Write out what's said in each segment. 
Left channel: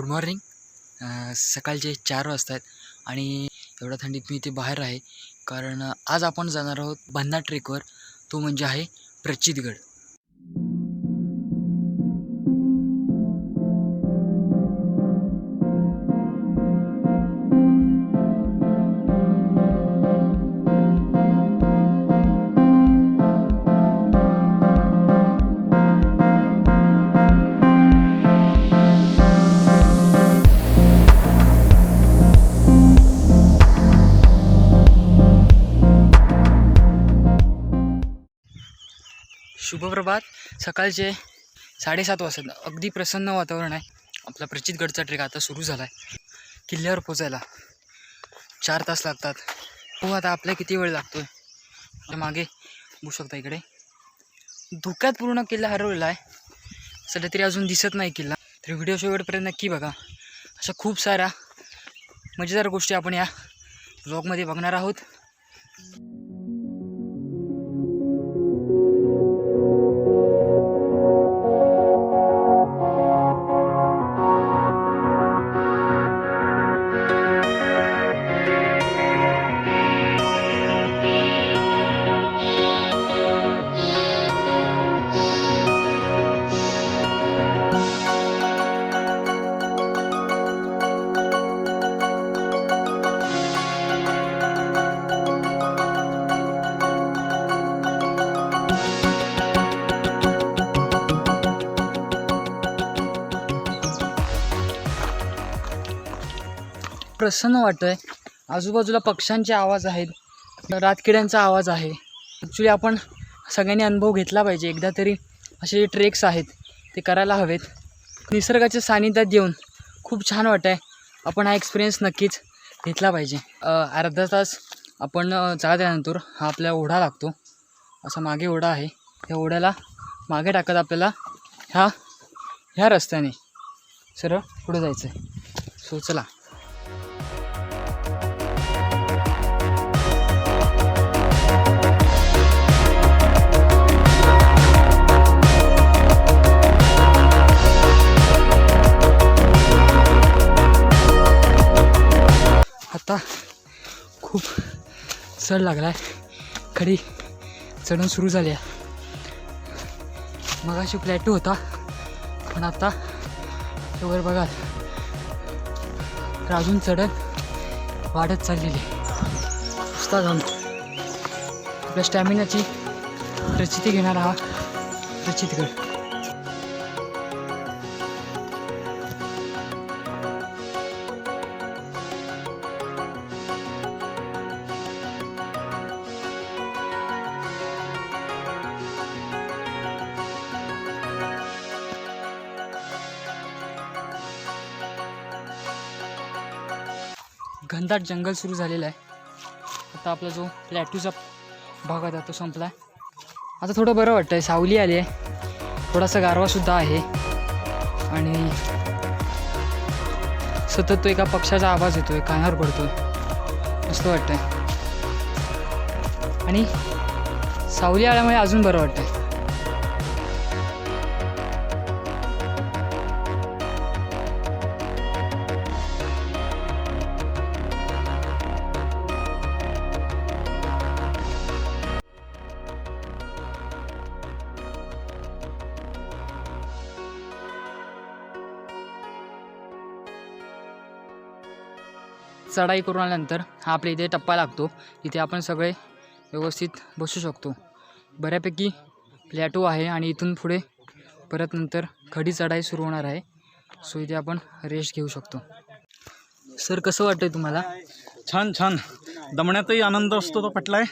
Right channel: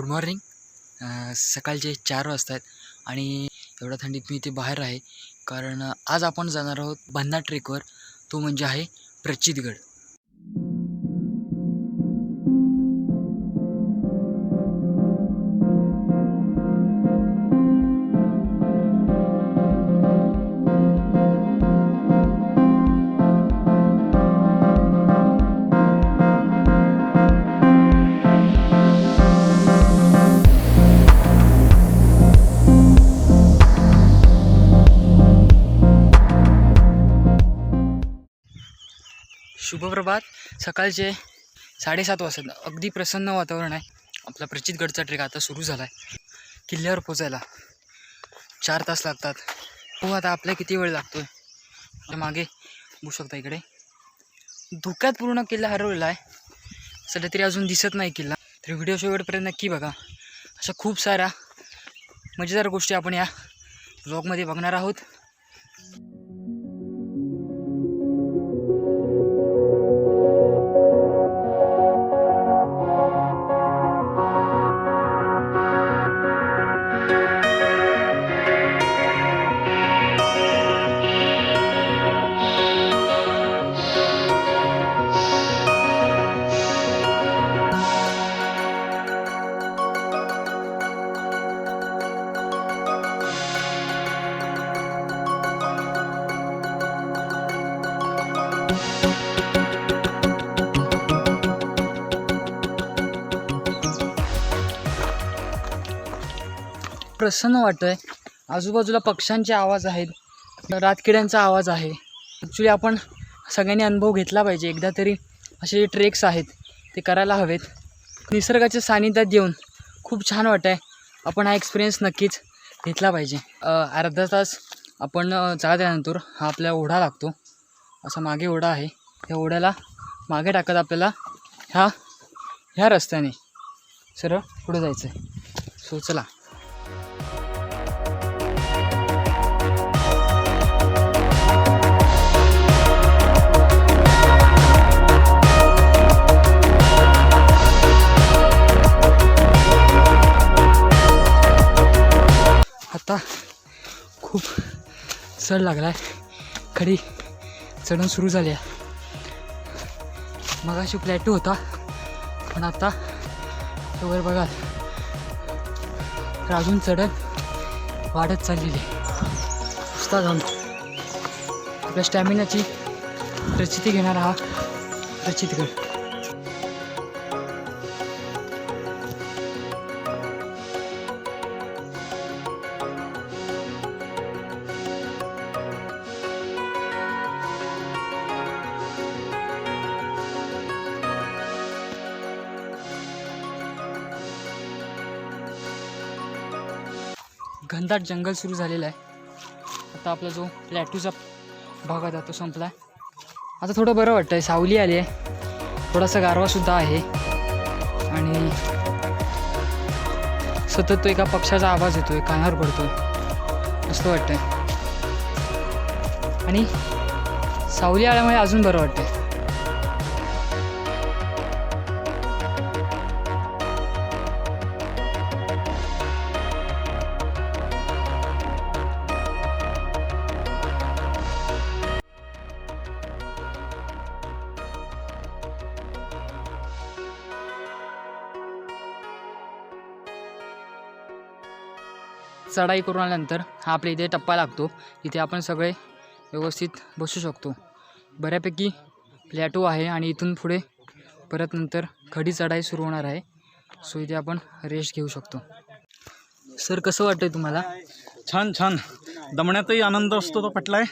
Good morning. सकाळचे चार वाजता आहेत आणि एवढ्या थंडीत मी इथे बाहेर आहे. कारण आज आपण जाणार आहोत बन्ना ट्रेकवर. तो म्हणजे आहे प्रचितगड. शुभप्रभात सकाळचे साडेसात वाजता अगदी प्रसन्न वातावरण आहे. आपला प्रचितगडचा ट्रेक आता सुरू झाला आहे किल्ल्यावर पोचायला चार तास लागतात. हो आता आपल्या किती वेळ लागतो आहे मागे बघू शकता इकडे. धुक्यात पूर्ण किल्ला हरवलेला आहे. सध्या तरी अजून दिसत नाही किल्ला. तर व्हिडिओ शेवटपर्यंत नक्की बघा. अशा खूप साऱ्या मजेदार गोष्टी आपण या ब्लॉगमध्ये बघणार आहोत. प्रसन्न वाटतंय. आजूबाजूला पक्ष्यांचे आवाज आहेत. रातकिड्यांचा आवाज आहे. ॲक्च्युली आपण सगळ्यांनी अनुभव घेतला पाहिजे. एकदा तरी असे जे ट्रेक्स आहेत ते करायला हवेत. निसर्गाच्या सानिध्यात येऊन खूप छान वाटत आहे आपण हा एक्सपिरियन्स नक्कीच घेतला पाहिजे. अर्धा तास आपण चालल्यानंतर हा आपल्या ओढा लागतो. असा मागे ओढा आहे. त्या ओढ्याला मागे टाकत आपल्याला ह्या ह्या रस्त्याने सरळ पुढे जायचं आहे सो चला. चढ लागला आहे खडी चढण सुरू झाली आहे. मग अशी प्लॅटो होता पण आता वर बघा. तर अजून चढण वाढत चाललेली आहे. नुसता जाऊन आपल्या स्टॅमिनाची प्रचिती घेणारा हा प्रचितगड. घनदाट जंगल सुरू झालेलं आहे. आता आपला जो प्लॅटूचा भाग होता तो संपला आहे आता थोडं बरं वाटतं आहे सावली आली आहे. थोडासा गारवासुद्धा आहे. आणि सतत तो एका पक्षाचा आवाज आहे कानावर पडतो आहे मस्त वाटतंय. आणि सावली आल्यामुळे अजून बरं वाटतंय. चढाई करून आल्यानंतर हा आपल्या इथे टप्पा लागतो. इथे आपण सगळे व्यवस्थित बसू शकतो. बऱ्यापैकी प्लॅटो आहे आणि इथून पुढे परत नंतर खडी चढाई सुरू होणार आहे. सो इथे आपण रेस्ट घेऊ शकतो. सर कसं वाटतंय तुम्हाला? छान छान. दमण्यातही आनंद असतो तो पटलाय.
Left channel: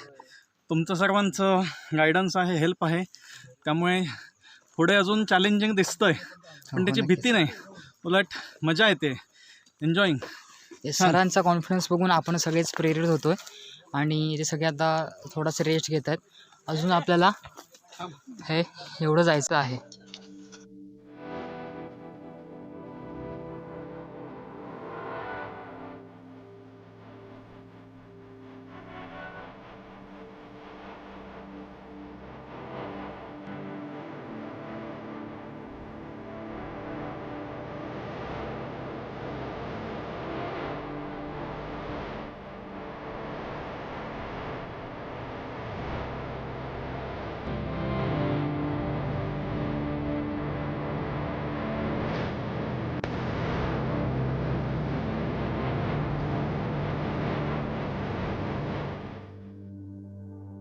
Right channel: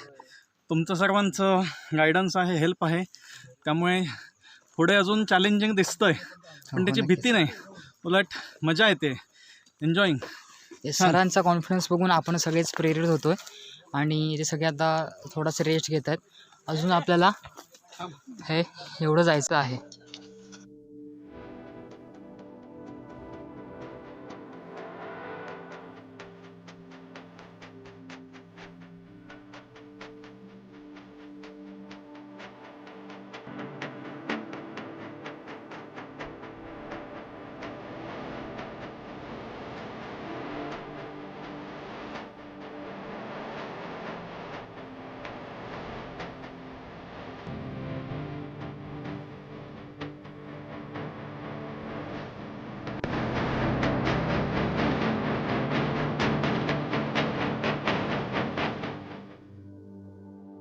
तुमचं सर्वांचं गायडन्स आहे हेल्प आहे. त्यामुळे पुढे अजून चॅलेंजिंग दिसतंय. पण त्याची भीती नाही. उलट मजा येते. एन्जॉईंग ते सरांचा कॉन्फिडन्स बघून आपण सगळेच प्रेरित होतोय. आणि ते सगळे आता थोडासा रेस्ट घेत आहेत अजून आपल्याला हे एवढं जायचं आहे.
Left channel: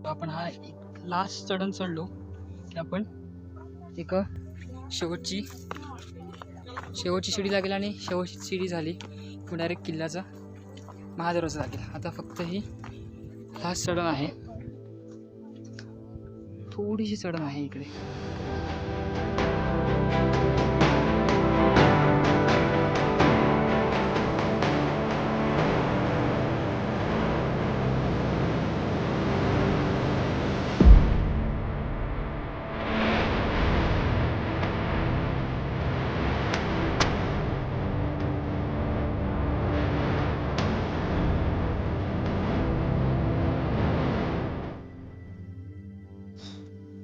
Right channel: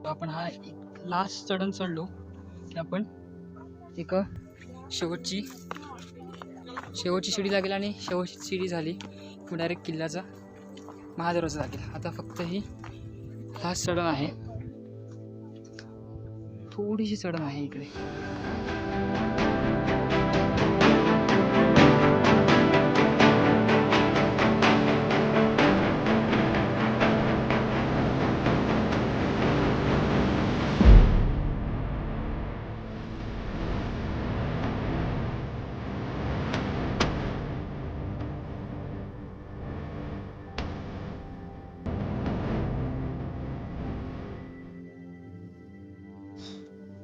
आपण हा एक लास्ट चढण चढलो की आपण एक शेवटची शेवटची शिडी लागेल आणि शेवटची शिडी झाली. डायरेक्ट किल्ल्याचा महादरवाजा लागेल. आता फक्त ही लास्ट चढण आहे. थोडीशी चढण आहे इकडे.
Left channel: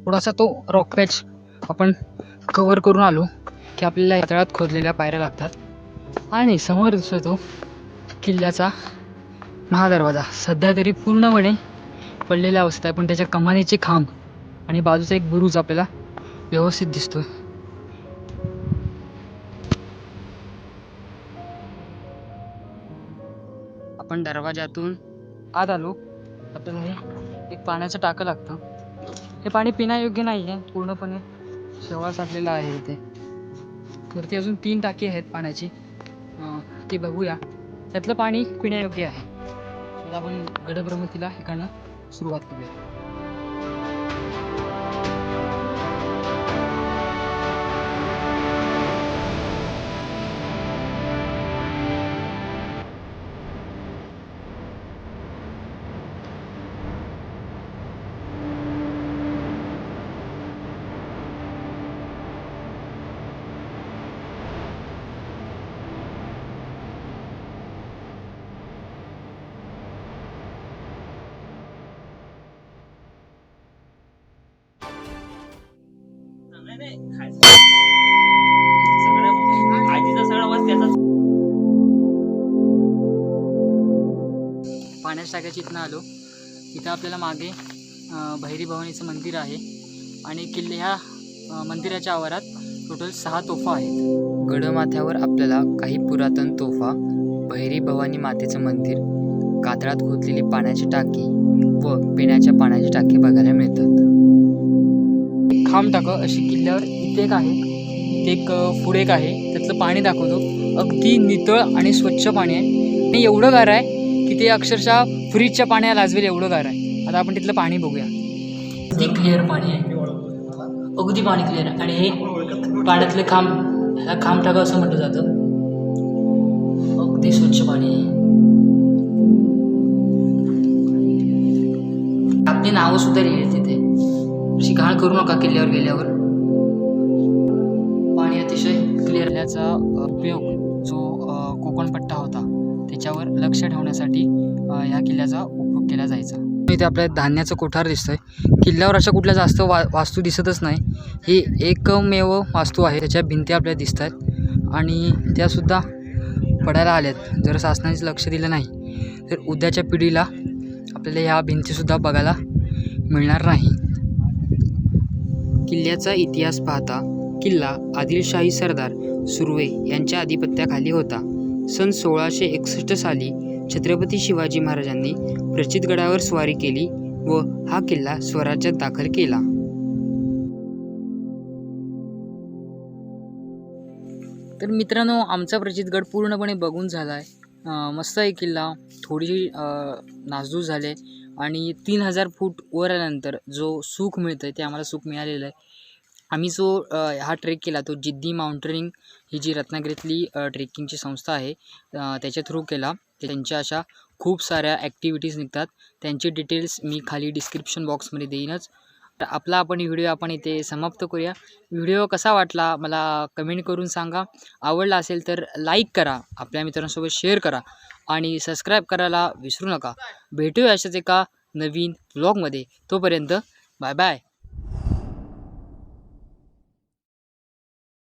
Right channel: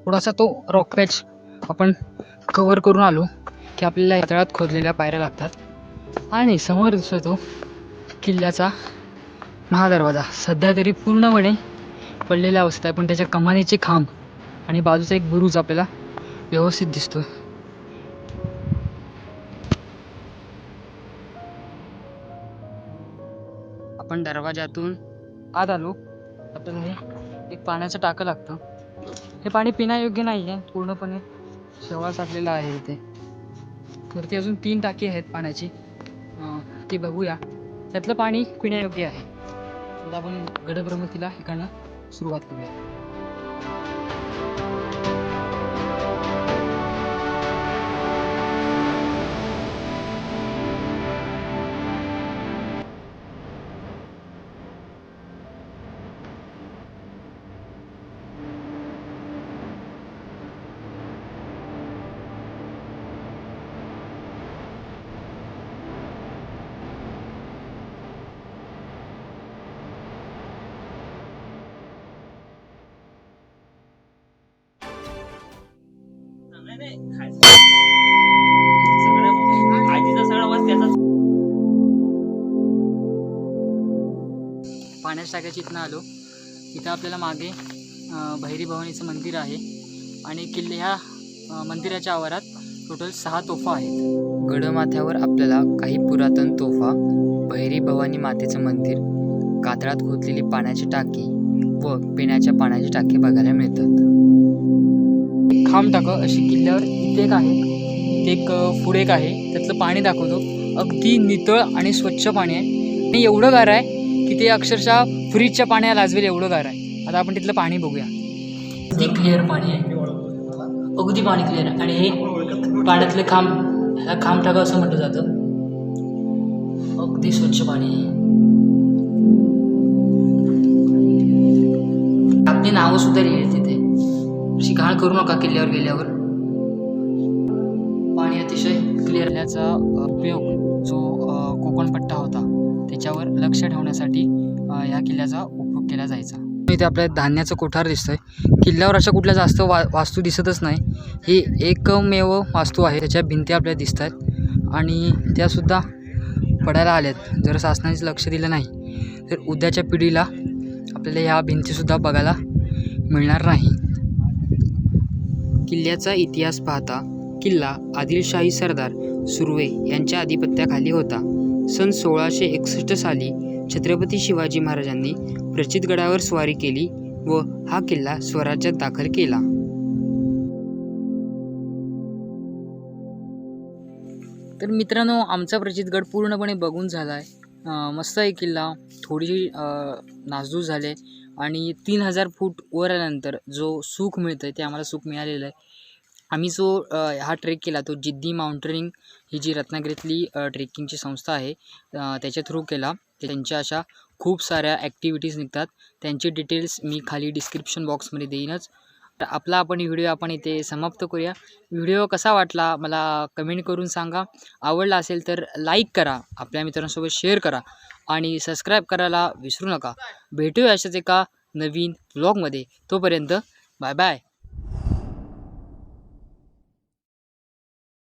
थोडासा तो रॉक पॅच आपण कवर करून आलो की आपल्याला यातळात खोदलेल्या पायऱ्या लागतात. आणि समोर दिसतो तो किल्ल्याचा महादरवाजा. सध्या तरी पूर्णपणे पडलेल्या अवस्थेत आहे. पण त्याच्या कमानीचे खांब आणि बाजूचा एक बुरुज आपल्याला व्यवस्थित दिसतो आपण दरवाजातून आत आलो. आपल्याला हे एक पाण्याचं टाकं लागतं. हे पाणी पिण्यायोग्य नाही आहे पूर्णपणे शेवाळ साठलेला आहे इथे. वरती अजून तीन टाकी आहेत पाण्याची. ती बघूया. त्यातलं पाणी पिण्यायोग्य आहे. तर आपण गडभ्रमतीला हे करणं सुरुवात करूया. आजीचा सगळा वास त्याचा पाण्याच्या टाक्याची इथनं आलो. इथं आपल्याला मागे भैरी भवानीचं मंदिर आहे. आणि किल्ले ह्या मंदिराच्या आवारात टोटल सहा तोफा आहेत. गडमाथ्यावर आपल्याला काही पुरातन तोफा भैरी भवानी मातेचं मंदिर कातळात खोदलेली पाण्याची टाकी व पिण्याच्या पाण्याची टाकी बघायला मिळतात. खांब टाकं अशी किल्ल्यावर इथे एक आहे. इथे एक पुढे एक आहे. त्यातलं पाणी दाखवतो. अगदी नितळ आणि स्वच्छ पाणी आहे. आणि एवढं गार आहे की ते अक्षरशः फ्रीजच्या पाण्याला लाजवेल एवढं गार आहे. आता आपण तिथलं पाणी बघूया. अगदी क्लिअर पाणी आहे. अगदी पाणी क्लिअर आहे. आणि हे पाण्यातले खांब ह्याला खांब टाका असं म्हटलं जातं. अगदी स्वच्छ पाणी आहे. आपली नावं सुद्धा लिहिली अशी घाण करू नका किल्ल्यावर गेल्यावर. पाणी अतिशय क्लिअर याचा उपयोग जो कोकणपट्टा होता त्याच्यावर लक्ष ठेवण्यासाठी ह्या किल्ल्याचा उपयोग केला जायचा. इथे आपल्याला धान्याचं कोठार दिसतंय. किल्ल्यावर अशा कुठल्या जास्त वा वास्तू दिसतच नाही. ही एकमेव वास्तू आहे. त्याच्या भिंती आपल्याला दिसत आहेत आणि त्यासुद्धा पडायला आल्यात. जर शासनाने लक्ष दिलं नाही तर उद्याच्या पिढीला आपल्याला ह्या भिंतीसुद्धा बघायला मिळणार नाही. किल्ल्याचा इतिहास पाहता किल्ला आदिलशाही सरदार सुर्वे यांच्या अधिपत्याखाली होता. सन सोळाशे एकसष्ट साली छत्रपती शिवाजी महाराजांनी प्रचितगडावर स्वारी केली व हा किल्ला स्वराज्यात दाखल केला. तर मित्रांनो आमचा प्रचितगड पूर्णपणे बघून झाला आहे मस्त आहे किल्ला. थोडीशी अं, नासधूस झाले. आणि तीन हजार फूट वर आल्यानंतर जो सुख मिळतं आहे ते आम्हाला सुख मिळालेलं आहे. आम्ही जो हा ट्रेक केला तो जिद्दी माउंटेनिंग ही जी रत्नागिरीतली ट्रेकिंगची संस्था आहे त्याच्या थ्रू केला. त्यांच्या अशा खूप साऱ्या ॲक्टिव्हिटीज निघतात. त्यांचे डिटेल्स मी खाली डिस्क्रिप्शन बॉक्समध्ये देईनच. तर आपला आपण व्हिडिओ आपण इथे समाप्त करूया. व्हिडिओ कसा वाटला मला कमेंट करून सांगा. आवडला असेल तर लाईक करा. आपल्या मित्रांसोबत शेअर करा. आणि सबस्क्राईब करायला विसरू नका. भेटूया अशाच एका नवीन ब्लॉगमध्ये तोपर्यंत बाय बाय